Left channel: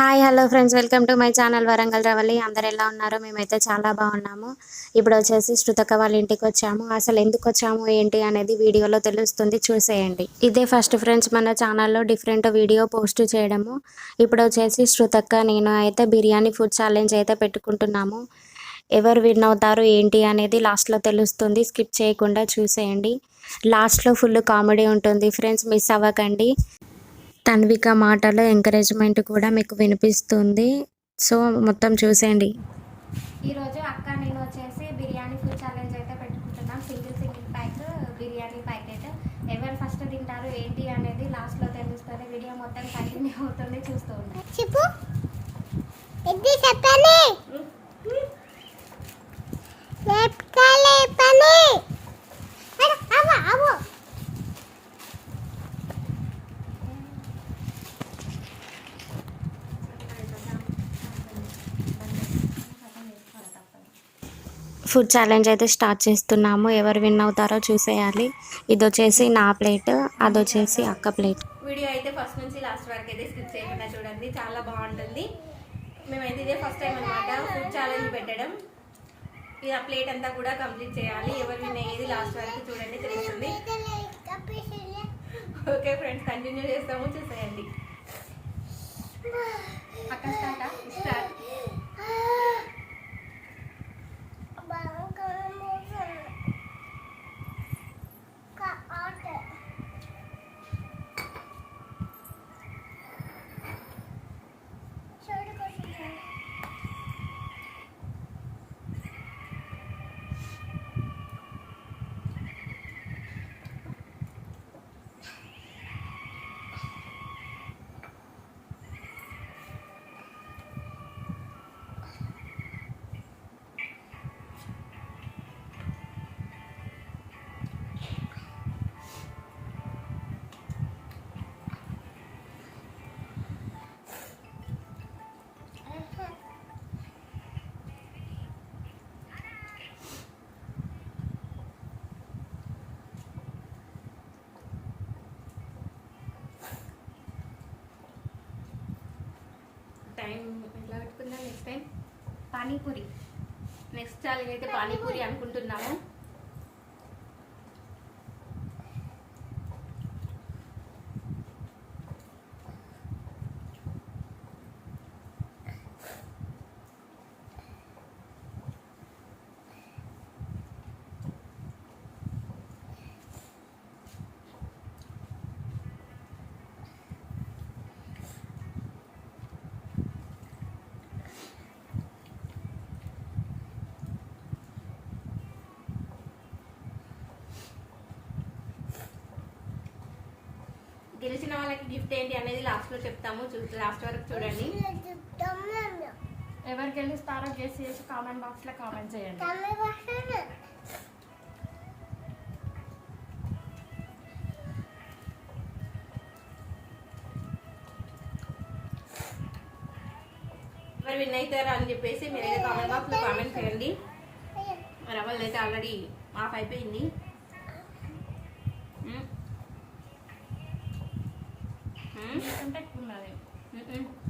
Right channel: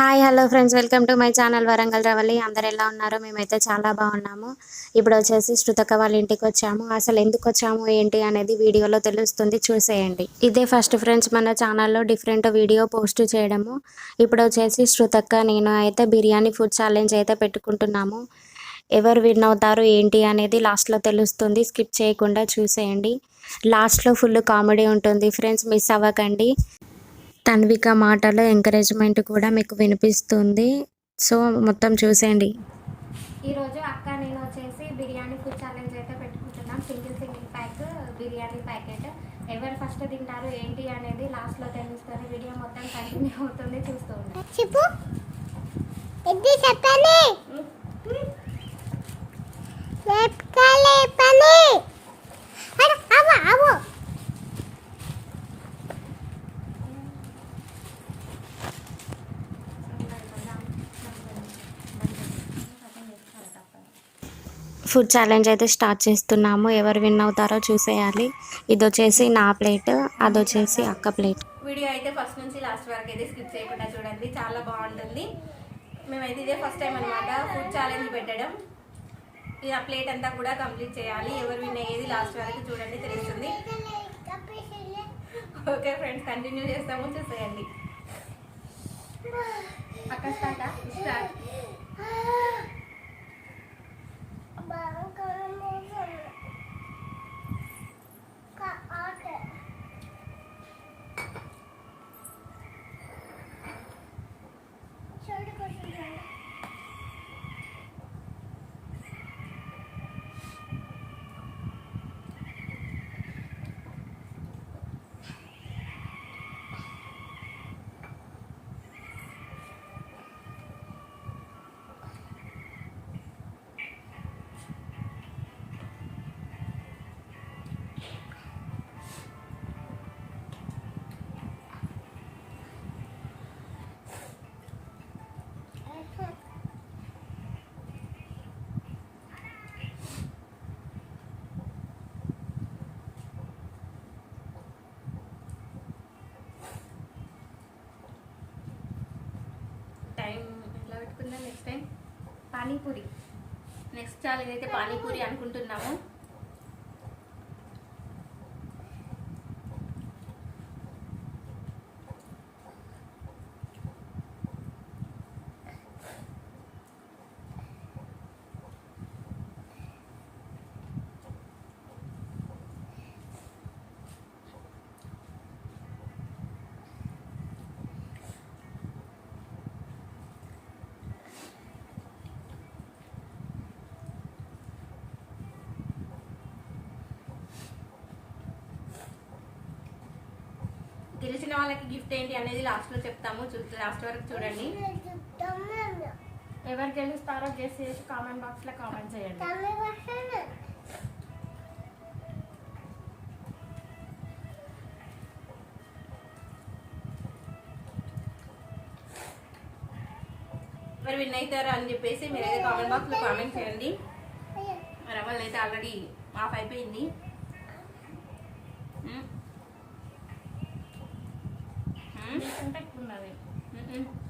Hi hello friends. Welcome to my channel Warangal Ravalli అందరు ఎలా ఉన్నారో? మేమైతే చాలా బాగున్నాము. ఇప్పుడు వచ్చేసి శృతక వాళ్ళ ఇంటికి వచ్చాము. అసలు ఎందుకు వచ్చాము ఏంటి అనేది వీడియోలో తెలుస్తుంది. చూసేయండి. ఇదే ఫస్ట్ ఫ్రెండ్స్ మన ఛానల్లో డిఫరెంట్ వీడియో పోస్ట్ చేయడము. ఇప్పుడు వచ్చేసి శృతక్క నేను అయితే బిర్యానీ ఫుడ్ ఛాలెంజ్ అయితే పెట్టుకుంటున్నాము. ఎవరు విన్ అవుతారు ఏంటి అనేది లాస్ట్లో తెలుస్తుంది. స్కిప్ చేయకుండా చూసేయండి. లాస్ట్లో ఫుల్ కామెడీ ఉంటుంది. ఫ్రెండ్స్ మిస్ అవ్వకండి. తన్విక మాటలో ఎంకరేజ్మెంట్ కూడా మీకు వినిపిస్తుంది. సో మొత్తం చూసేయండి. ఈరోజు అక్క నేను వచ్చేసి బిర్యానీ ఫుడ్ ఛాలెంజ్ అయితే పెట్టుకుంటున్నాం. Single single pack biryani packet. ఎవరు ఫస్ట్ తింటారు ఏంటి అనేది లాస్ట్లో తెలుస్తుంది. వీడియో మొత్తం కంటిన్యూ అవుతుంది చూస్తూ ఉంటాం ఫుడ్ ఛాలెంజ్ అయితే స్టార్ట్ చేస్తున్నాము. ఎవరు విన్ అవుతారో చూసేయాలి. ఇది వచ్చేసి నా ప్లేట్ అది వచ్చేసి అక్క ప్లేట్. వీడియో అయితే ఫస్ట్ నుంచి లాస్ట్ వరకు అయితే స్కిప్ చేయకుండా చూడండి. చాలా బాగుంటుంది. మేమైతే ఇదే ఫస్ట్ టైం అనమాట ఫుడ్ ఛాలెంజ్ పెట్టడం. ఇది ఆ ప్లేట్ అంతా కూడా కంప్లీట్ చేయాలి. ఎవరు విన్ అయ్యేది లాస్ట్ వరకు చూడండి తెలుస్తుంది. ఓకే ఫ్రెండ్స్ కంటిన్యూ చేస్తాము. చూసేయండి. అక్క స్టార్ట్? స్టార్ట్. అనుకుందాం next time panipuri. Next challenge అయితే పానీపూరి అనుకుంటున్నాము. గెలిచిన వాళ్ళకి గిఫ్ట్ ఏంటి అనేది లాస్ట్లో చెప్తాము. లాస్ట్ వరకు చూడండి. ఎవరు గెలుస్తారో గెస్ చేసి కామెంట్ బాక్స్లో కామెంట్ చేయండి. ఎవరు విన్ అవుతారు అని చెప్పేసి మీరు అయితే కామెంట్ బాక్స్లో కామెంట్ చేయండి. రవల్ అయితే ఆల్రెడీ ఆఫ్ అయిపోయింది. 嗯嗯。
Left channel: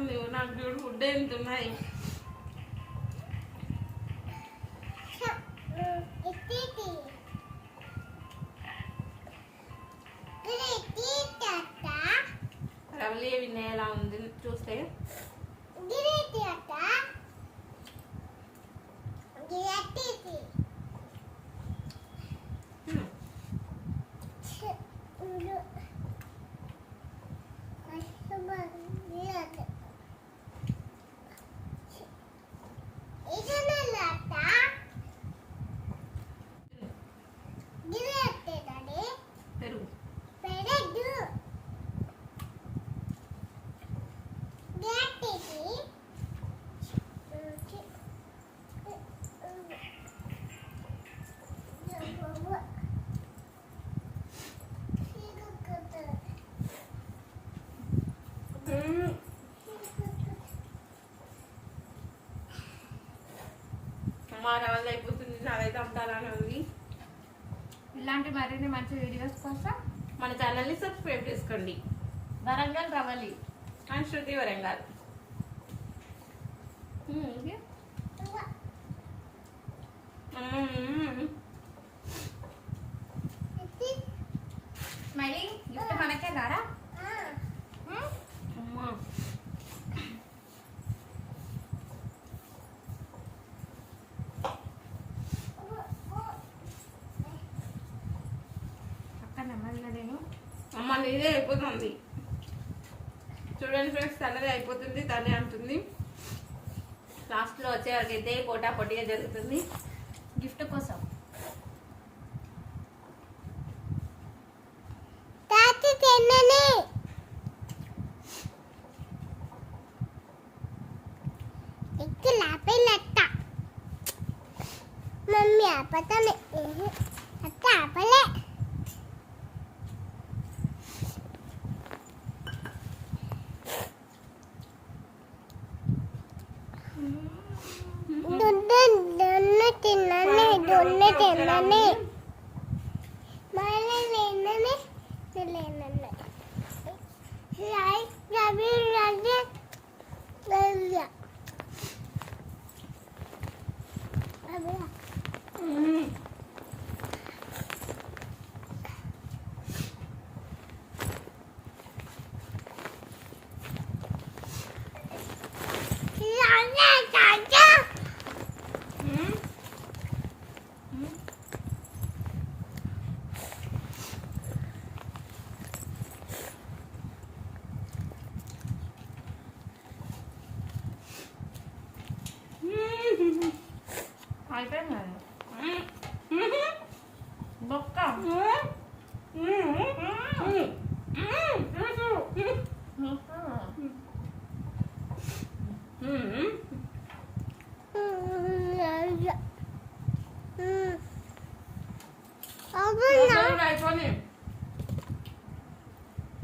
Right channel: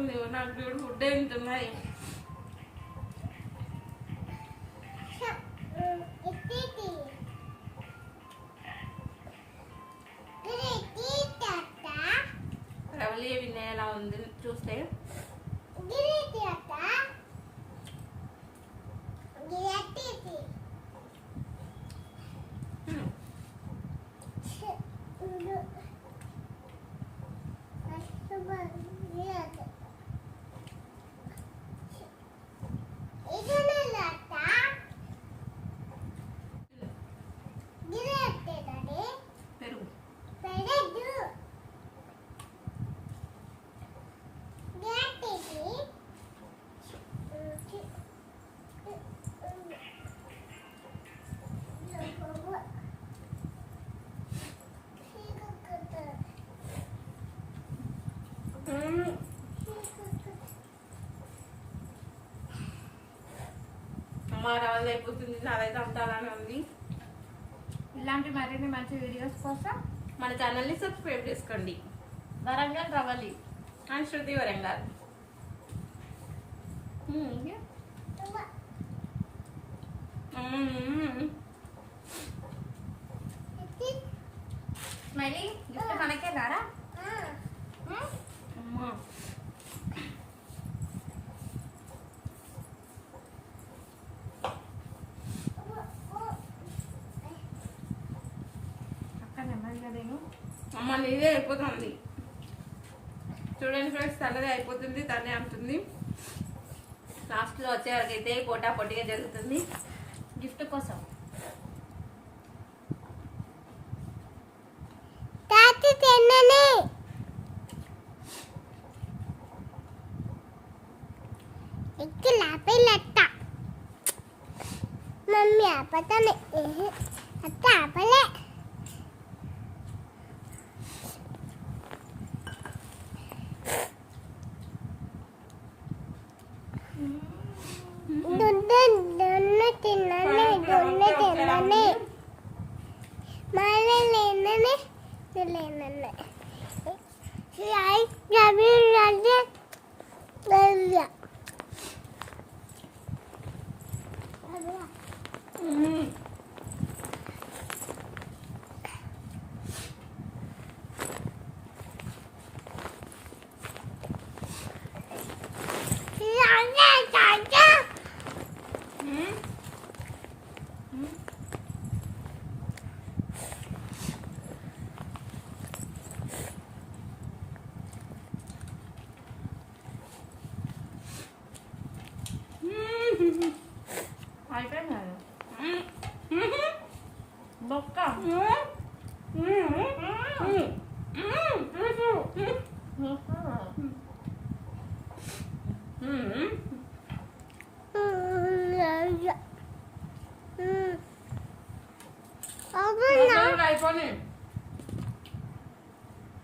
ఉంది నాకు చూడు ఫుడ్ ఎంతున్నాయి అమ్మ రవల్ అయిపోతుంది నాదైతే అంతాలానే ఉంది ఇలాంటి మరిన్ని మంచి వీడియోస్ కోసం మన ఛానల్ని సబ్స్క్రైబ్ చేసుకోండి. వరంగల్ రవలి. అండ్ శృతి వరంగల్ మ్మ్. స్మైలీ గిఫ్ట్ మనకే రారా? అమ్మా. అమ్మ నీదే అయిపోతుంది. చూడండి ఫ్రెండ్స్ తనదే అయిపోతుంది తనే అంటుంది. లాస్ట్లో వచ్చే వరకు అయితే పోటా పొట్టిగా జరుగుతుంది. గిఫ్ట్ కోసం. తాత తిన్నని. మమ్మీ ఆపతాను. అత్త ఆపలే. Anne, anne. అయిపోయి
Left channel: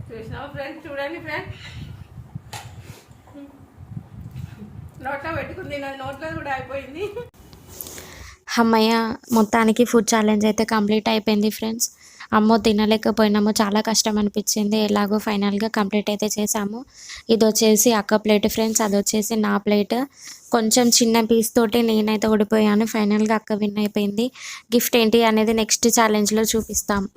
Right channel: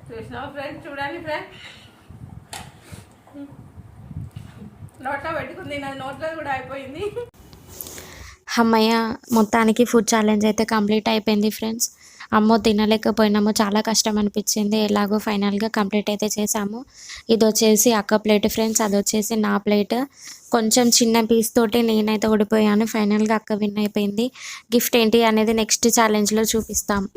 చూసినావా ఫ్రెండ్స్ చూడండి ఫ్రెండ్ నోట్లో పెట్టుకుంది నాది నోట్లో కూడా అయిపోయింది. అమ్మయ్య మొత్తానికి ఫుడ్ ఛాలెంజ్ అయితే కంప్లీట్ అయిపోయింది ఫ్రెండ్స్ అమ్మో తినలేకపోయినాము చాలా కష్టం అనిపించింది ఎలాగో ఫైనల్గా కంప్లీట్ అయితే చేసాము ఇది వచ్చేసి అక్క ప్లేట్ ఫ్రెండ్స్ అది వచ్చేసి నా ప్లేట్. కొంచెం చిన్న పీస్ తోటి నేనైతే ఓడిపోయాను. ఫైనల్గా అక్క విన్ అయిపోయింది. గిఫ్ట్ ఏంటి అనేది నెక్స్ట్ ఛాలెంజ్లో చూపిస్తాం.